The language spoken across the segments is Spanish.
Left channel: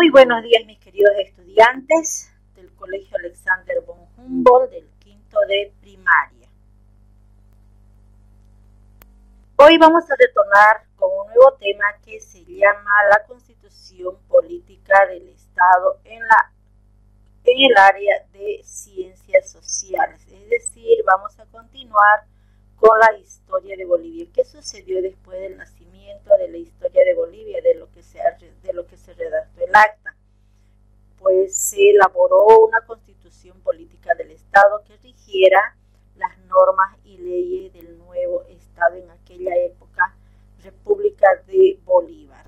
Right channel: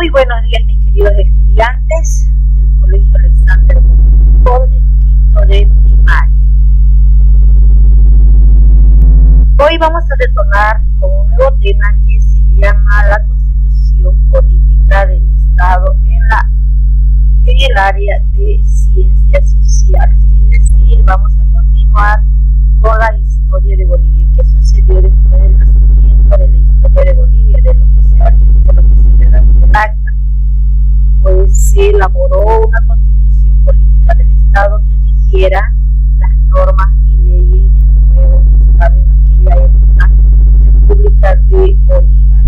Muy buenos días, mis queridos estudiantes del Colegio Alexander von Humboldt del quinto de primaria. Hoy vamos a retornar con un nuevo tema que se llama la Constitución Política del Estado en el área de ciencias sociales. Es decir, vamos a continuar con la historia de Bolivia. ¿Qué sucedió después del nacimiento de la historia de Bolivia, de lo que se redactó el acta? Pues se elaboró una constitución política del Estado que rigiera las normas y leyes del nuevo Estado en aquella época, República de Bolívar.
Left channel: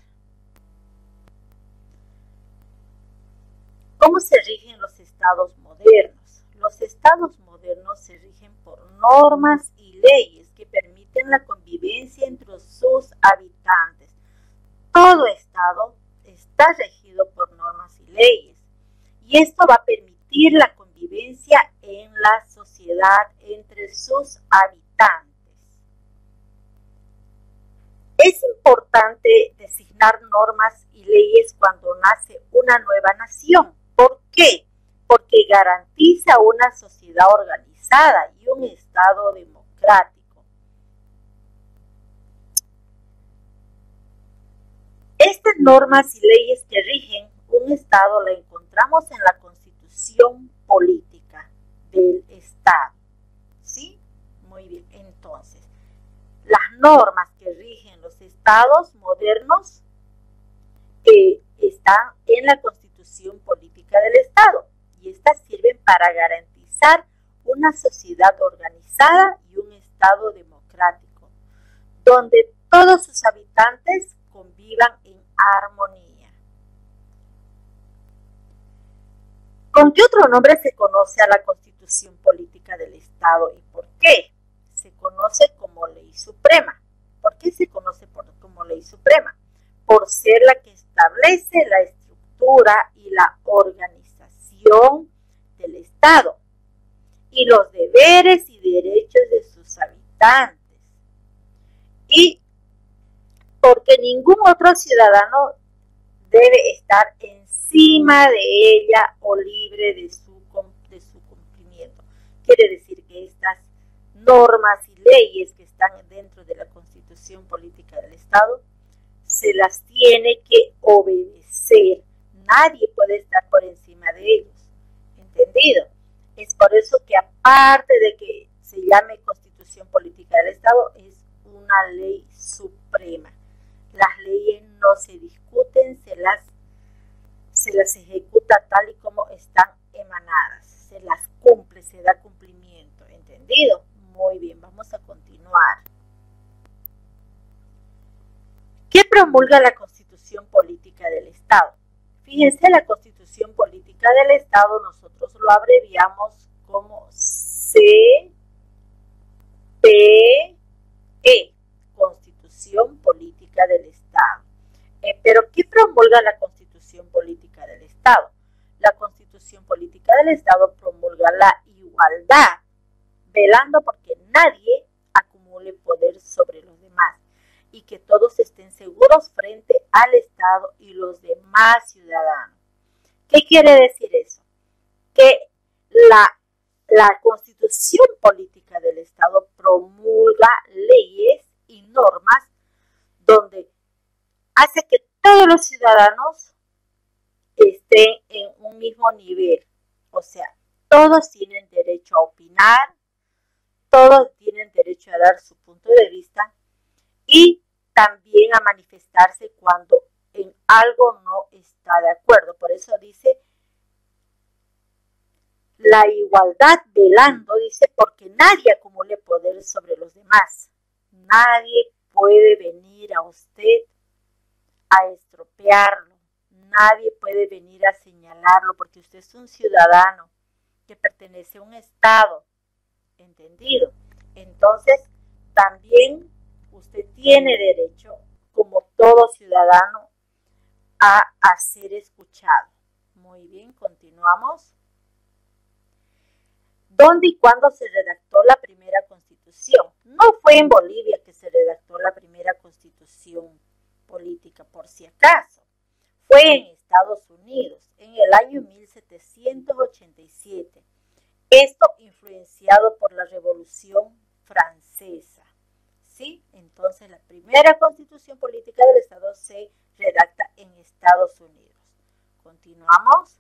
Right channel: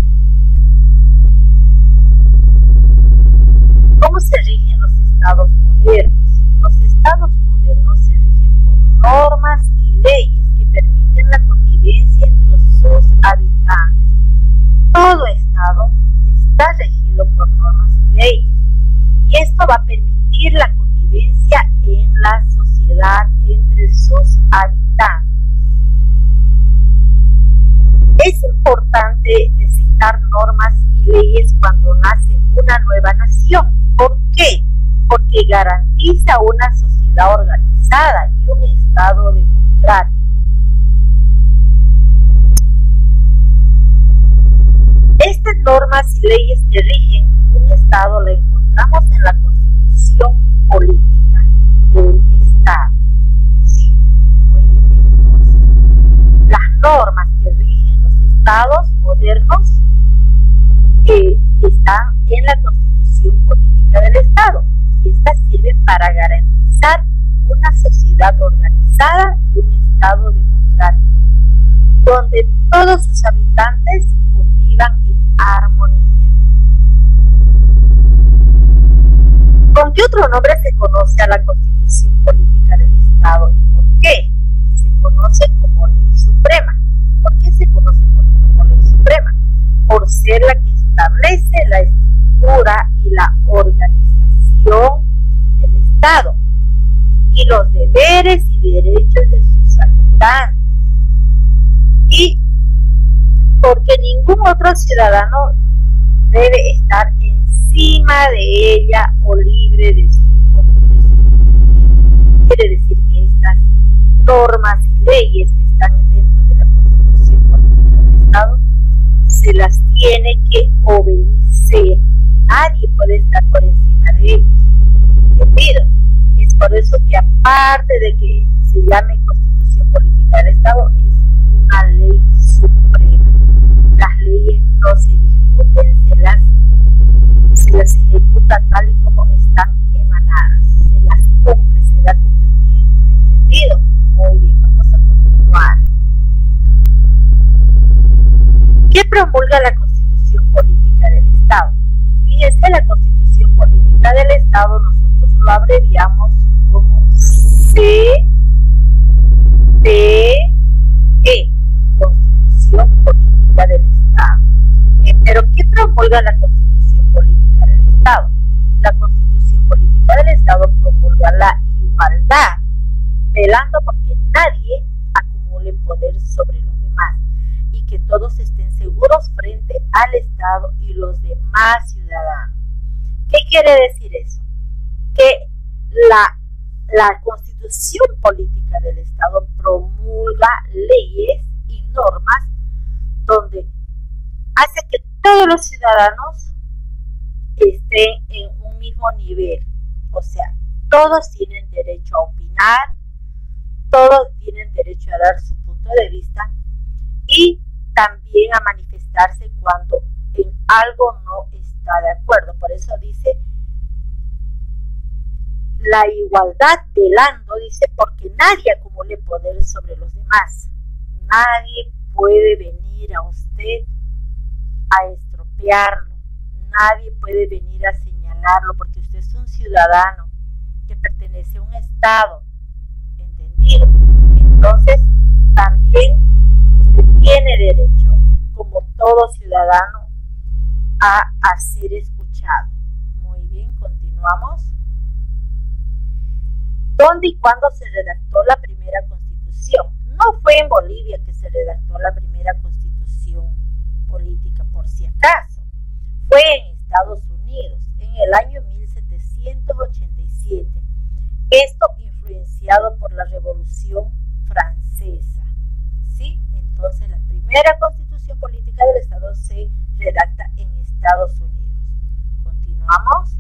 ¿Cómo se rigen los estados modernos? Los estados modernos se rigen por normas y leyes que permiten la convivencia entre sus habitantes. Todo estado está regido por normas y leyes, y esto va a permitir la convivencia en la sociedad entre sus habitantes. Es importante designar normas y leyes cuando nace una nueva nación. ¿Por qué? Porque garantiza una sociedad organizada y un Estado democrático. Estas normas y leyes que rigen un Estado la encontramos en la Constitución Política del Estado. ¿Sí? Muy bien, entonces, las normas que rigen los estados modernos están en la Constitución Política del Estado, y estas sirven para garantizar una sociedad organizada y un Estado democrático, donde todos sus habitantes convivan en armonía. ¿Con qué otro nombre se conoce a la Constitución Política del Estado y por qué? Se conoce como Ley Suprema. ¿Por qué se conoce como Ley Suprema? Por ser la que establece la estructura y la organización del Estado y los deberes y derechos de sus habitantes, y porque ningún otro ciudadano debe estar encima de ella o libre de su cumplimiento. Quiere decir que estas normas y leyes que están dentro de la Constitución Política del Estado se las tiene que obedecer. Nadie puede estar por encima de ellos. ¿Entendido? Es por eso que, aparte de que se llame Constitución Política del Estado, es una ley suprema. Las leyes no se discuten, se las ejecuta tal y como están emanadas, se las cumple, se da cumplimiento. ¿Entendido? Muy bien, vamos a continuar. ¿Qué promulga la Constitución Política del Estado? Fíjense, la Constitución Política del Estado nosotros lo abreviamos como CPE, Constitución Política del Estado. Pero ¿qué promulga la Constitución Política del Estado? La Constitución Política del Estado promulga la igualdad, velando porque nadie acumule poder sobre los demás y que todos estén seguros frente al Estado y los demás ciudadanos. ¿Qué quiere decir eso? Que la Constitución Política del Estado promulga leyes y normas donde hace que todos los ciudadanos estén en un mismo nivel. O sea, todos tienen derecho a opinar, todos tienen derecho a dar su punto de vista y también a manifestarse cuando en algo no está de acuerdo. Por eso dice la igualdad velando, dice, porque nadie acumule poder sobre los demás. Nadie puede venir a usted a estropearlo. Nadie puede venir a señalarlo porque usted es un ciudadano que pertenece a un Estado. ¿Entendido? Entonces, también usted tiene derecho, como todo ciudadano, a ser escuchado. Muy bien, continuamos. ¿Dónde y cuándo se redactó la primera Constitución? No fue en Bolivia que se redactó la primera Constitución política, por si acaso. Fue en Estados Unidos. Unidos en el año 1787. Esto influenciado por la Revolución Francesa. ¿Sí? Entonces la primera constitución política del Estado se redacta en Estados Unidos. Continuamos.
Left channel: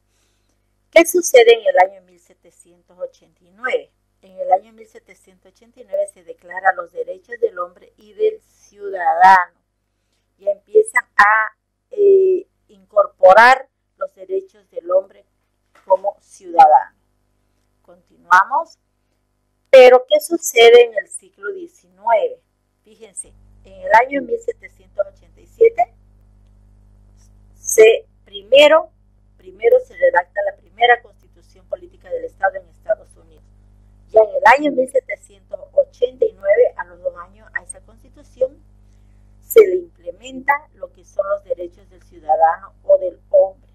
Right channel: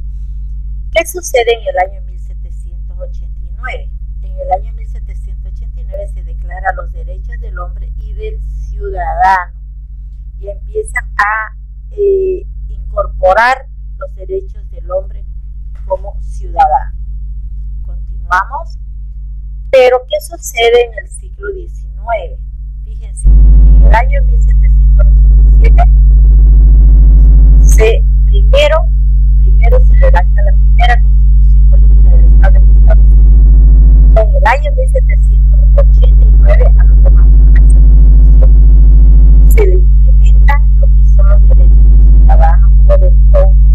¿Qué sucede en el año 1789? En el año 1789 se declara los derechos del hombre y del ciudadano y empiezan a incorporar los derechos del hombre como ciudadano. Continuamos. Pero ¿qué sucede en el siglo XIX? Fíjense, en el año 1787 primero se redacta la primera constitución política del Estado en Estados Unidos. Ya en el año 1789, a los 2 años a esa constitución, se le implementa lo que son los derechos del ciudadano o del hombre.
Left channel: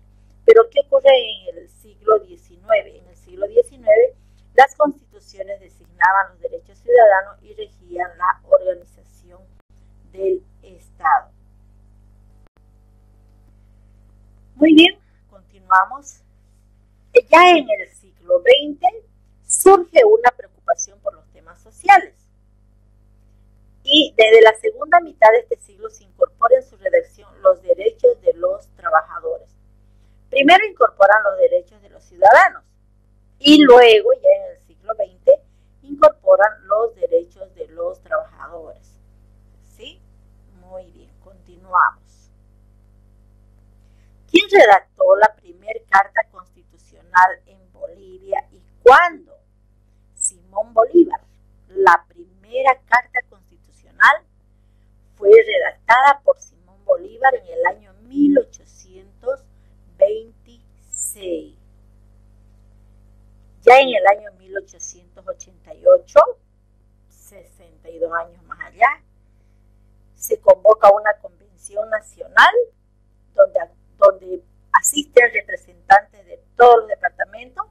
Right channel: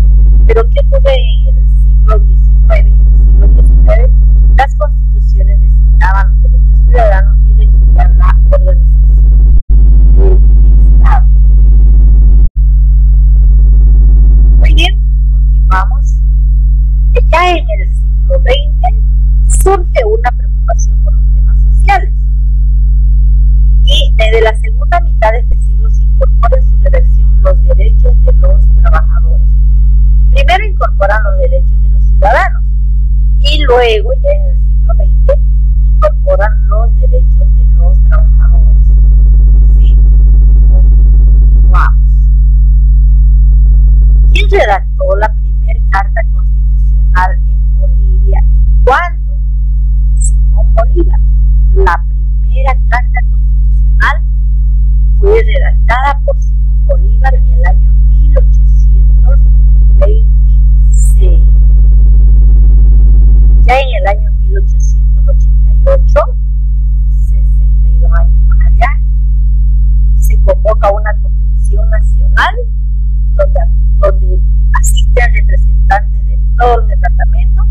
Pero ¿qué ocurre en el siglo XIX? En el siglo XIX, las constituciones designaban los derechos ciudadanos y regían la organización del Estado. Muy bien, continuamos. Ya en el siglo XX surge una preocupación por los temas sociales. Y desde la segunda mitad de este siglo se incorpora en su redacción los derechos de los trabajadores. Primero incorporan los derechos de los ciudadanos y luego, ya en el siglo XX, incorporan los derechos de los trabajadores. ¿Sí? Muy bien, continuamos. ¿Quién redactó la primera carta constitucional en Bolivia y cuándo? Simón Bolívar. La primera carta constitucional fue redactada por Simón Bolívar en el año 1826. Ya en el año 1888, 62 años más allá, se convoca una convención nacional donde asisten representantes de todos los departamentos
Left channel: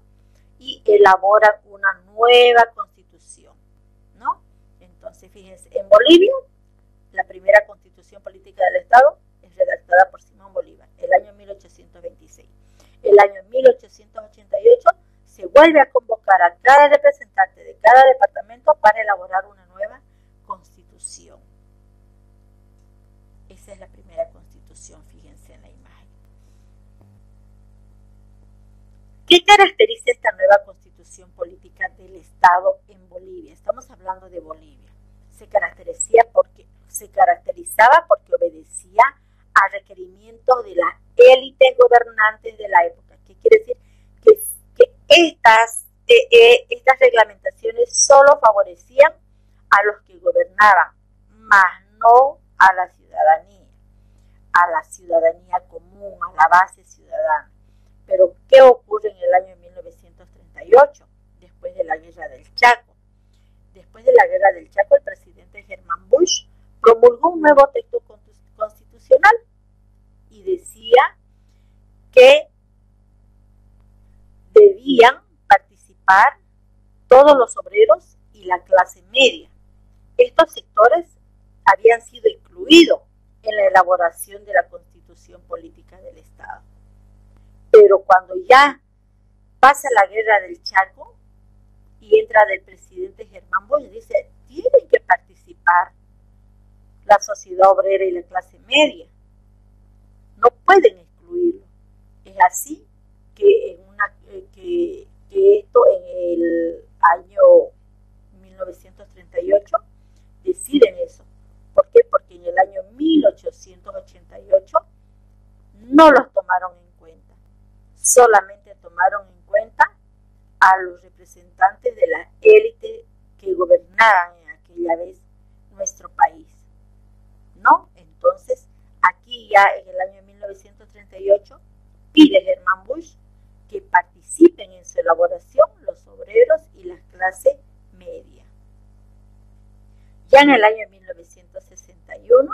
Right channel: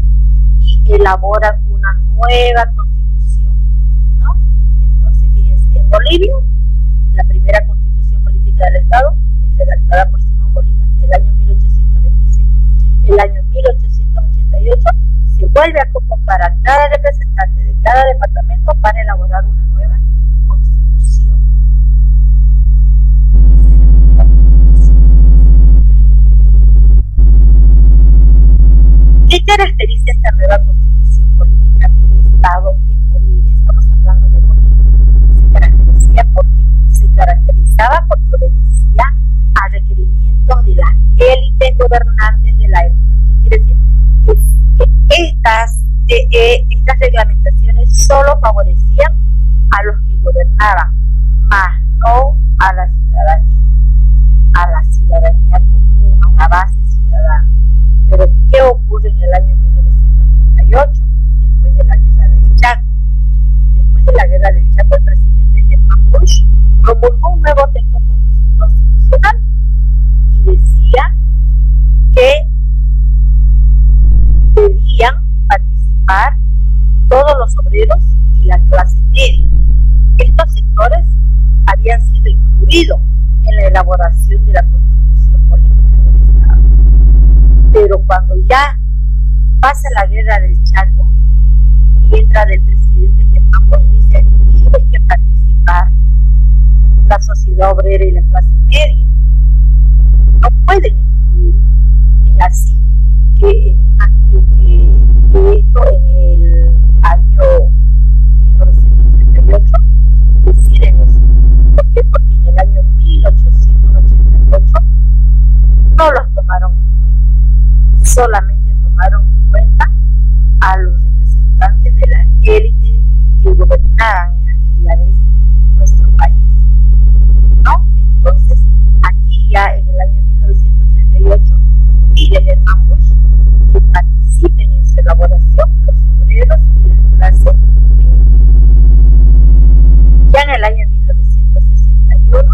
y elaboran una nueva constitución, ¿no? Entonces, fíjense, en Bolivia, la primera constitución política del Estado es redactada por Simón Bolívar, el año 1826. El año 1888 se vuelve a convocar a cada representante de cada departamento para elaborar una nueva constitución. Esa es la primera constitución, fíjense en la imagen. ¿Qué caracteriza esta nueva constitución política del Estado en Bolivia? Estamos hablando de Bolivia. Se caracterizaba porque obedecía a requerimientos de las élites gobernantes de la época. ¿Qué quiere decir? Que estas reglamentaciones solo favorecían a los que gobernaban, más no a la ciudadanía común, a la base ciudadana. Pero ¿qué ocurre en el año 1938, después de la Guerra del Chaco? Después de la Guerra del Chaco, el presidente Germán Bush promulgó un nuevo texto constitucional y decía que debían participar todos los obreros y la clase media. Estos sectores habían sido incluidos en la elaboración de la constitución política del Estado. Pero cuando ya pasa la Guerra del Chaco y entra del presidente Germán Bush, dice, tienen que participar la sociedad obrera y la clase media. No pueden excluirlo. Es así que esto en el año 1938 deciden eso. ¿Por qué? Porque en el año 1888 no los tomaron en cuenta. Solamente tomaron en cuenta a los representantes de la élite que gobernaban en aquella vez nuestro país, ¿no? Entonces, aquí ya en el año 1938 pide Germán Bush que participen en su elaboración los obreros y la clase media. Ya en el año 1961,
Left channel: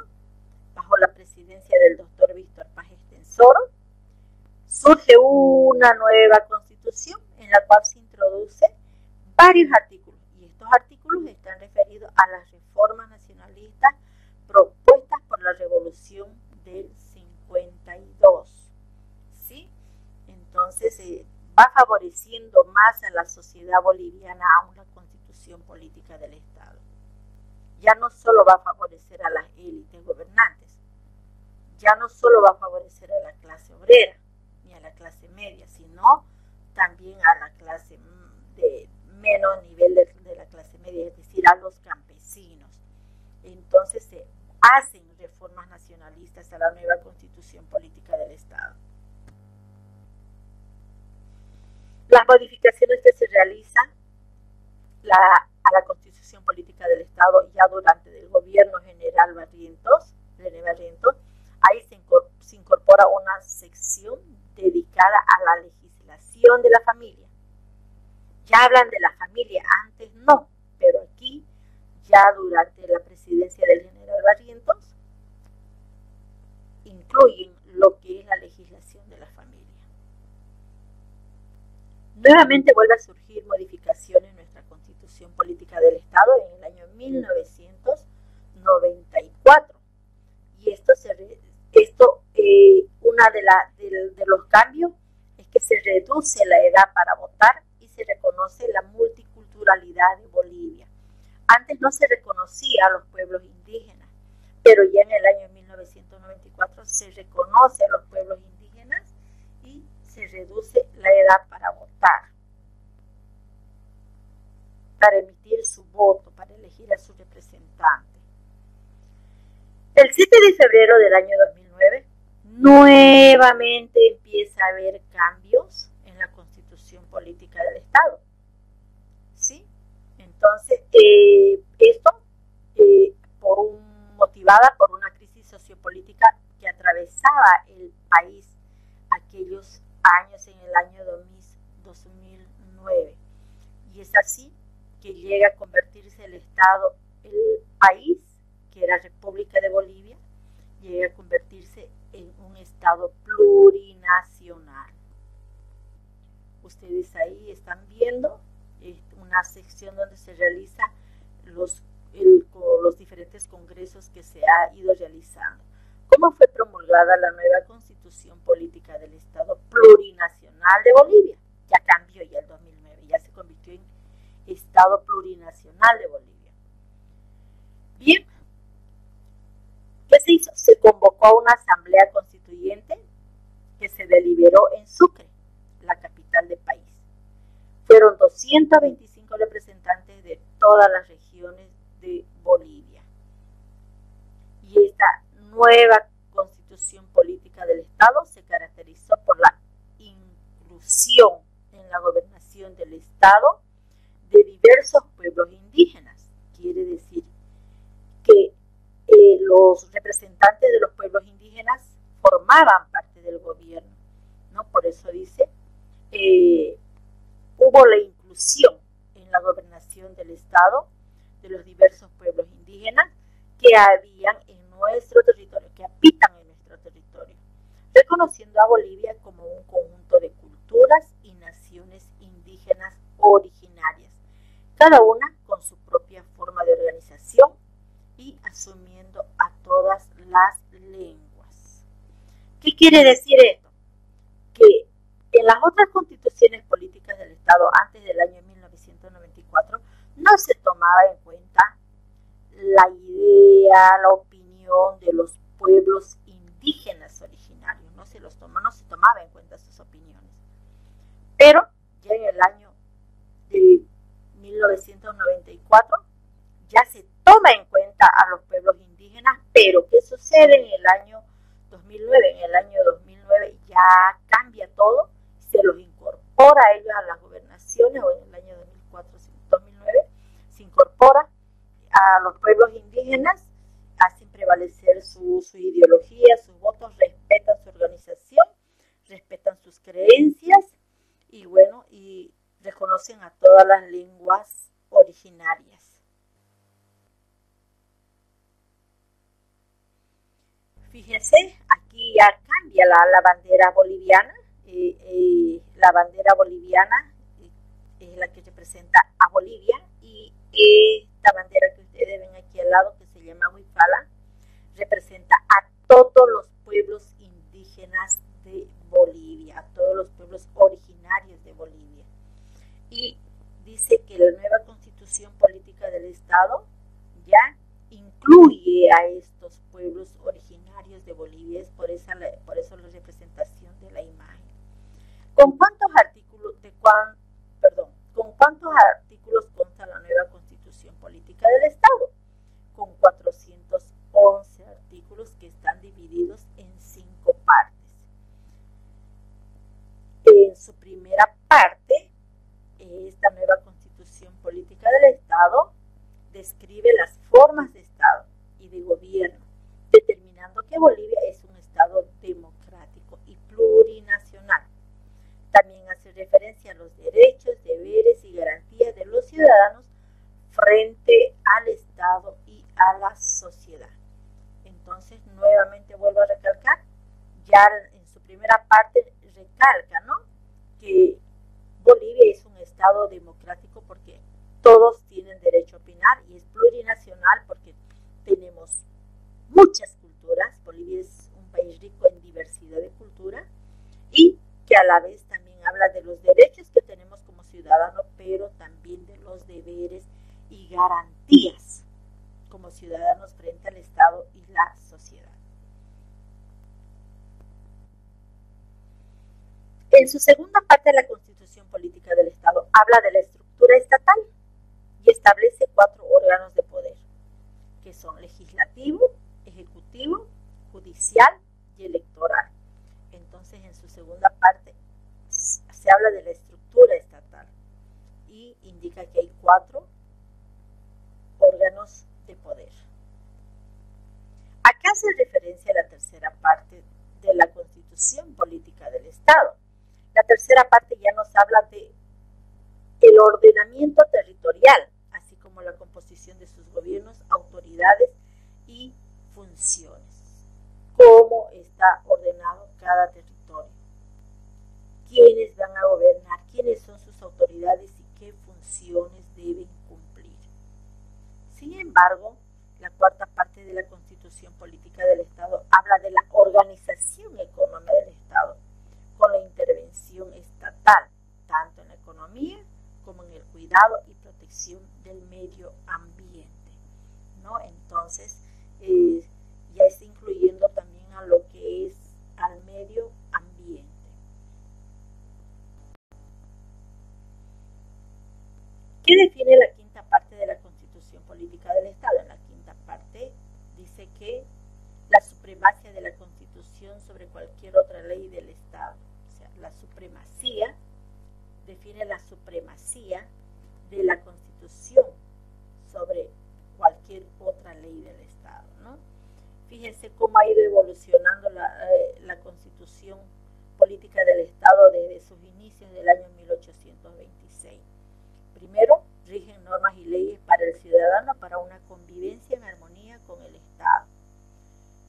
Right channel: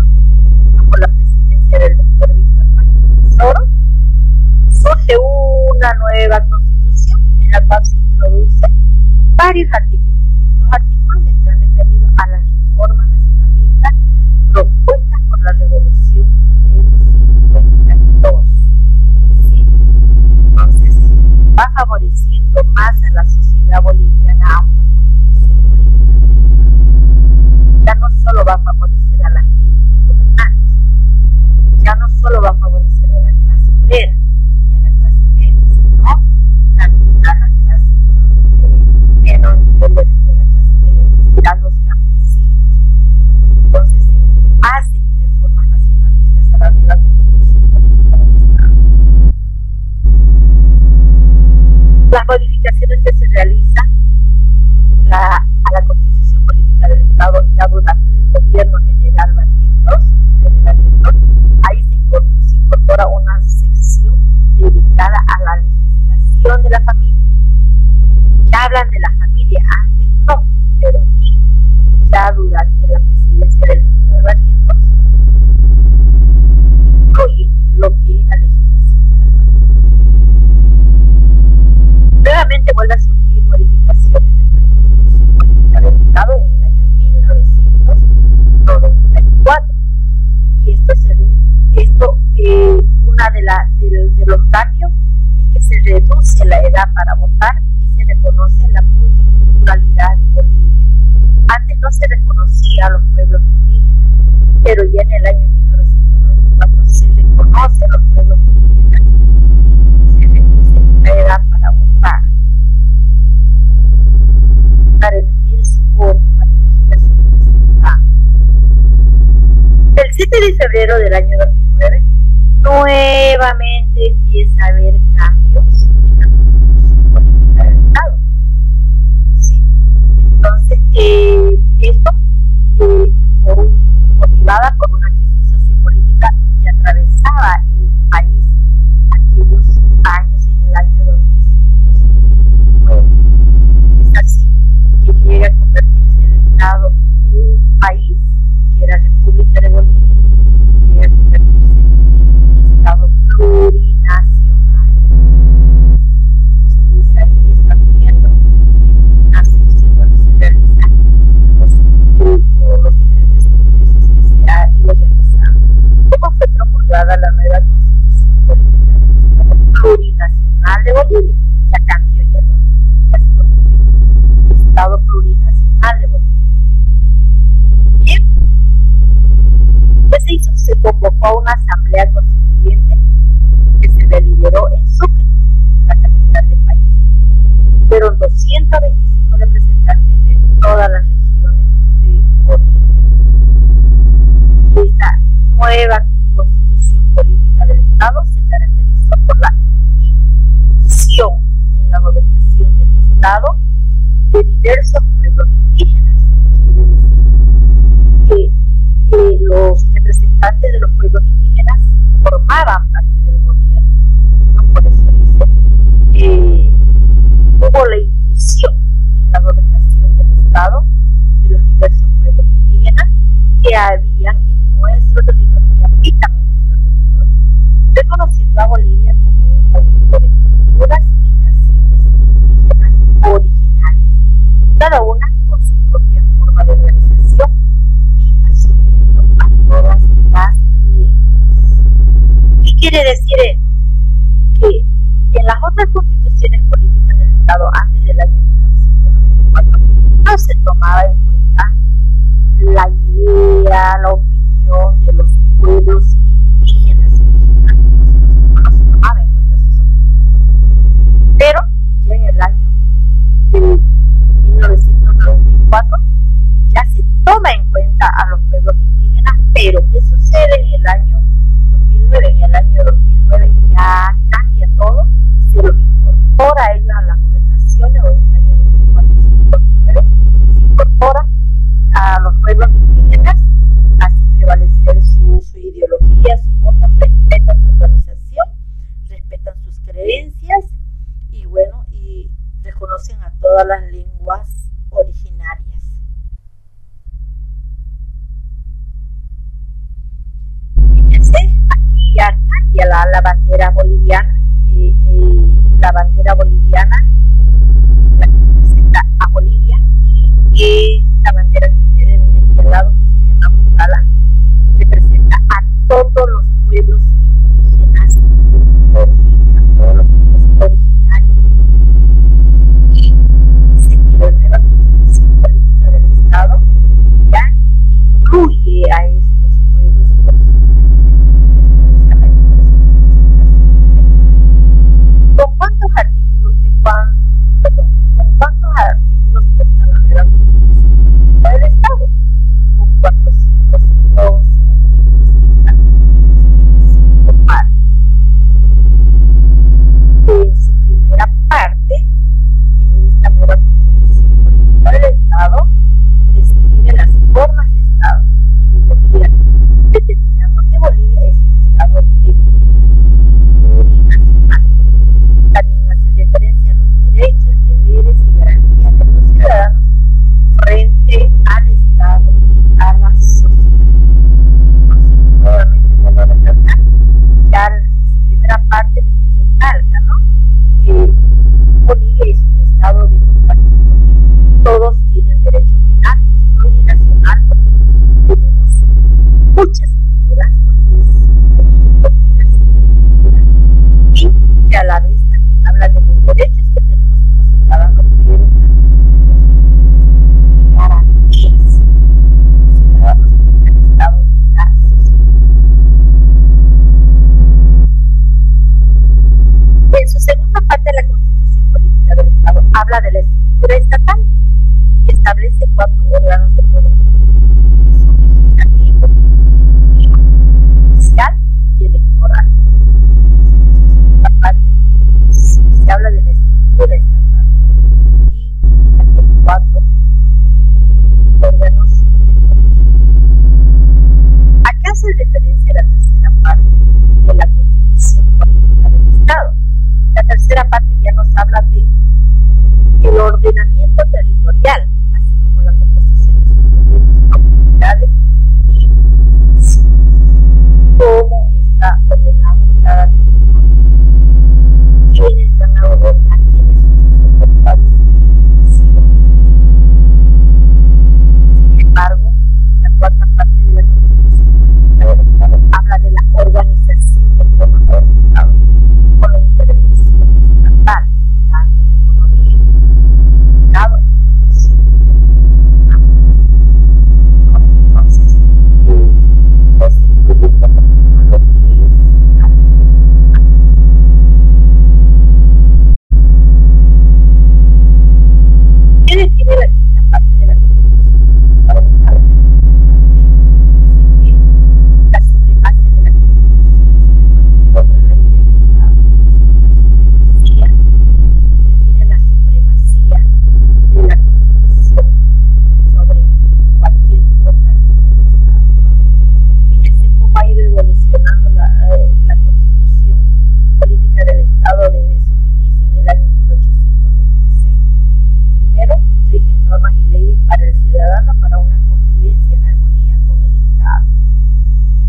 bajo la presidencia del doctor Víctor Paz Estenssoro, surge una nueva constitución en la cual se introduce varios artículos, y estos artículos están referidos a las reformas nacionalistas propuestas por la Revolución del 52. ¿Sí? va favoreciendo más a la sociedad boliviana a una constitución política del Estado. Ya no solo va a favorecer a las élites gobernantes, ya no solo va a favorecer a la clase obrera ni a la clase media, sino también a la clase de menos nivel de la clase media, es decir, a los campesinos. Entonces se hacen reformas nacionalistas a la nueva constitución política del Estado. Las modificaciones que se realizan a la constitución política del Estado ya durante el gobierno general Barrientos, ahí se incorpora una sección dedicada a la legislación de la familia. Ya hablan de la familia, antes no, pero aquí ya durante la presidencia del general Barrientos incluyen lo que es la legislación de la familia. Nuevamente vuelve a surgir modificaciones en nuestra constitución política del Estado en el año 1994. Y una de los cambios es que se reduce la edad para votar y se reconoce la multiculturalidad de Bolivia. Antes no se reconocía a los pueblos indígenas, pero ya en el año 1994 se reconoce a los pueblos indígenas y se reduce la edad para votar, para emitir su voto, para elegir a su representante. El 7 de febrero del año 2009, nuevamente empieza a haber cambios en la constitución política del Estado. ¿Sí? Entonces, esto motivada por una crisis sociopolítica que atravesaba el país aquellos años en el año 2009. Y es así que llega a convertirse el Estado, el país, que era República de Bolivia, llega a convertirse en un Estado plurinacional. Ustedes ahí están viendo una sección donde se realizan los diferentes congresos que se ha ido realizando. ¿Cómo fue promulgada la nueva constitución política del Estado plurinacional de Bolivia? Ya cambió ya el 2009, ya se convirtió en Estado plurinacional de Bolivia. Bien, ¿qué se hizo? Se convocó a una asamblea constituyente que se deliberó en Sucre, la capital del país. Fueron 225 representantes de todas las regiones de Bolivia. Y esta nueva constitución política del Estado se caracterizó por la inclusión en la gobernación del Estado de diversos pueblos indígenas. Quiere decir que los representantes de los pueblos indígenas formaban parte del gobierno, ¿no? Por eso dice, hubo la inclusión en la gobernación del Estado de los diversos pueblos indígenas que habían en nuestro territorio, que habitan en nuestro territorio, reconociendo a Bolivia como un conjunto de culturas y naciones indígenas originarias, cada una con su propia forma de organización y asumiendo a todas las lenguas. ¿Qué quiere decir esto? Que en las otras constituciones políticas del Estado antes del año 1994 no se tomaba en cuenta la idea, la opinión de los pueblos indígenas originarios, no se tomaba en cuenta sus opiniones. Pero ya en el año de 1994 ya se toma en cuenta a los pueblos indígenas, pero ¿qué sucede en el año 2009? En el año 2009 ya cambia todo, se los incorpora a ellos a las gobernaciones, o en el año 2009 se incorpora a los pueblos indígenas, hacen prevalecer su ideología, sus votos, respetan su organización, respetan sus creencias y bueno, y reconocen a todas las lenguas originarias. Fíjense, aquí ya cambia la bandera boliviana. La bandera boliviana es la que representa a Bolivia, y esta bandera que ustedes ven aquí al lado, que se llama Huipala, representa a todos los pueblos indígenas de Bolivia, a todos los pueblos originarios de parte recalca, ¿no?, que Bolivia es un estado democrático porque todos tienen derecho a opinar, y es plurinacional porque tenemos muchas culturas. Bolivia es un país rico en diversidad de cultura, y que a la vez también habla de los derechos que tenemos como ciudadanos, pero también de los deberes y garantías como ciudadanos frente al Estado y la sociedad. En su segunda parte de la Constitución Política del Estado habla de la estructura estatal y establece 4 órganos de poder, que son legislativo, ejecutivo, judicial y electoral. Entonces, en su segunda parte se habla de la estructura estatal y indica que hay 4 órganos de poder. ¿A qué hace referencia la tercera parte de la Constitución Política del Estado? La tercera parte ya nos habla de el ordenamiento territorial, así como la composición de sus gobiernos, autoridades y funciones. Cómo está ordenado cada territorio, quiénes van a gobernar, quiénes son sus autoridades y qué funciones deben cumplir. Sin embargo, la cuarta parte de la Constitución Política del Estado habla de la organización económica del Estado, con la intervención estatal, tanto en la economía como en el cuidado y protección del medio ambiente, ¿no? Entonces, ya está incluyendo también a lo que es al medio ambiente. ¿Qué define la quinta parte de la Constitución Política del Estado? En la quinta parte dice que la supremacia de la Constitución sobre cualquier otra ley del Estado, o sea, la supremacía, define la supremacía de la Constitución sobre cualquier otra ley del Estado, ¿no? Fíjense cómo ha ido evolucionando la Constitución Política del Estado desde sus inicios del año 1826. Primero, rigen normas y leyes para el ciudadano para una convivencia en armonía con el Estado.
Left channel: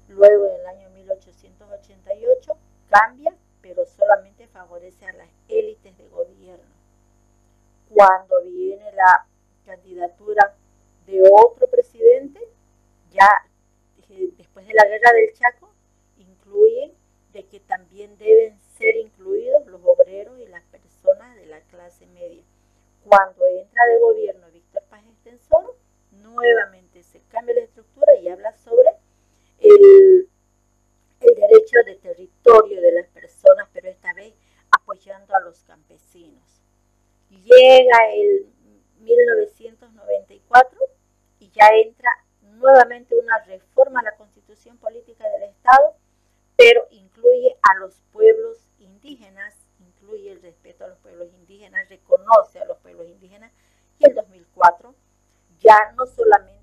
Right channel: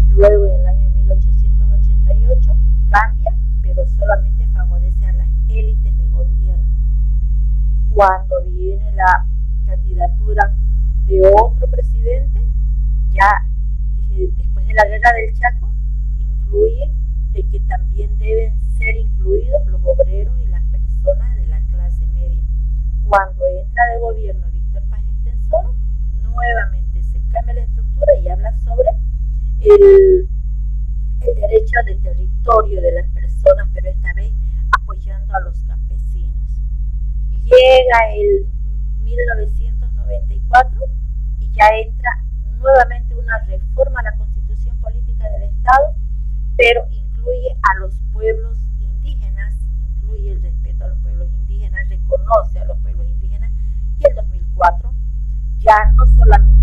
Luego, en el año 1888, cambia, pero solamente favorece a las élites de gobierno. Cuando viene la candidatura de otro presidente, ya después de la guerra del Chaco, incluye de que también deben ser incluidos los obreros y las personas de la clase media. Cuando entra de gobierno Víctor Paz Estenssoro, nuevamente se cambia la estructura y habla sobre el derecho de territorio de las personas, pero esta vez apoyando a los campesinos. Llega el 1994 y ya entra nuevamente una reforma a la Constitución Política del Estado, pero incluye a los pueblos indígenas, incluye el respeto a los pueblos indígenas, reconoce a los pueblos indígenas, y el 2004 ya no solamente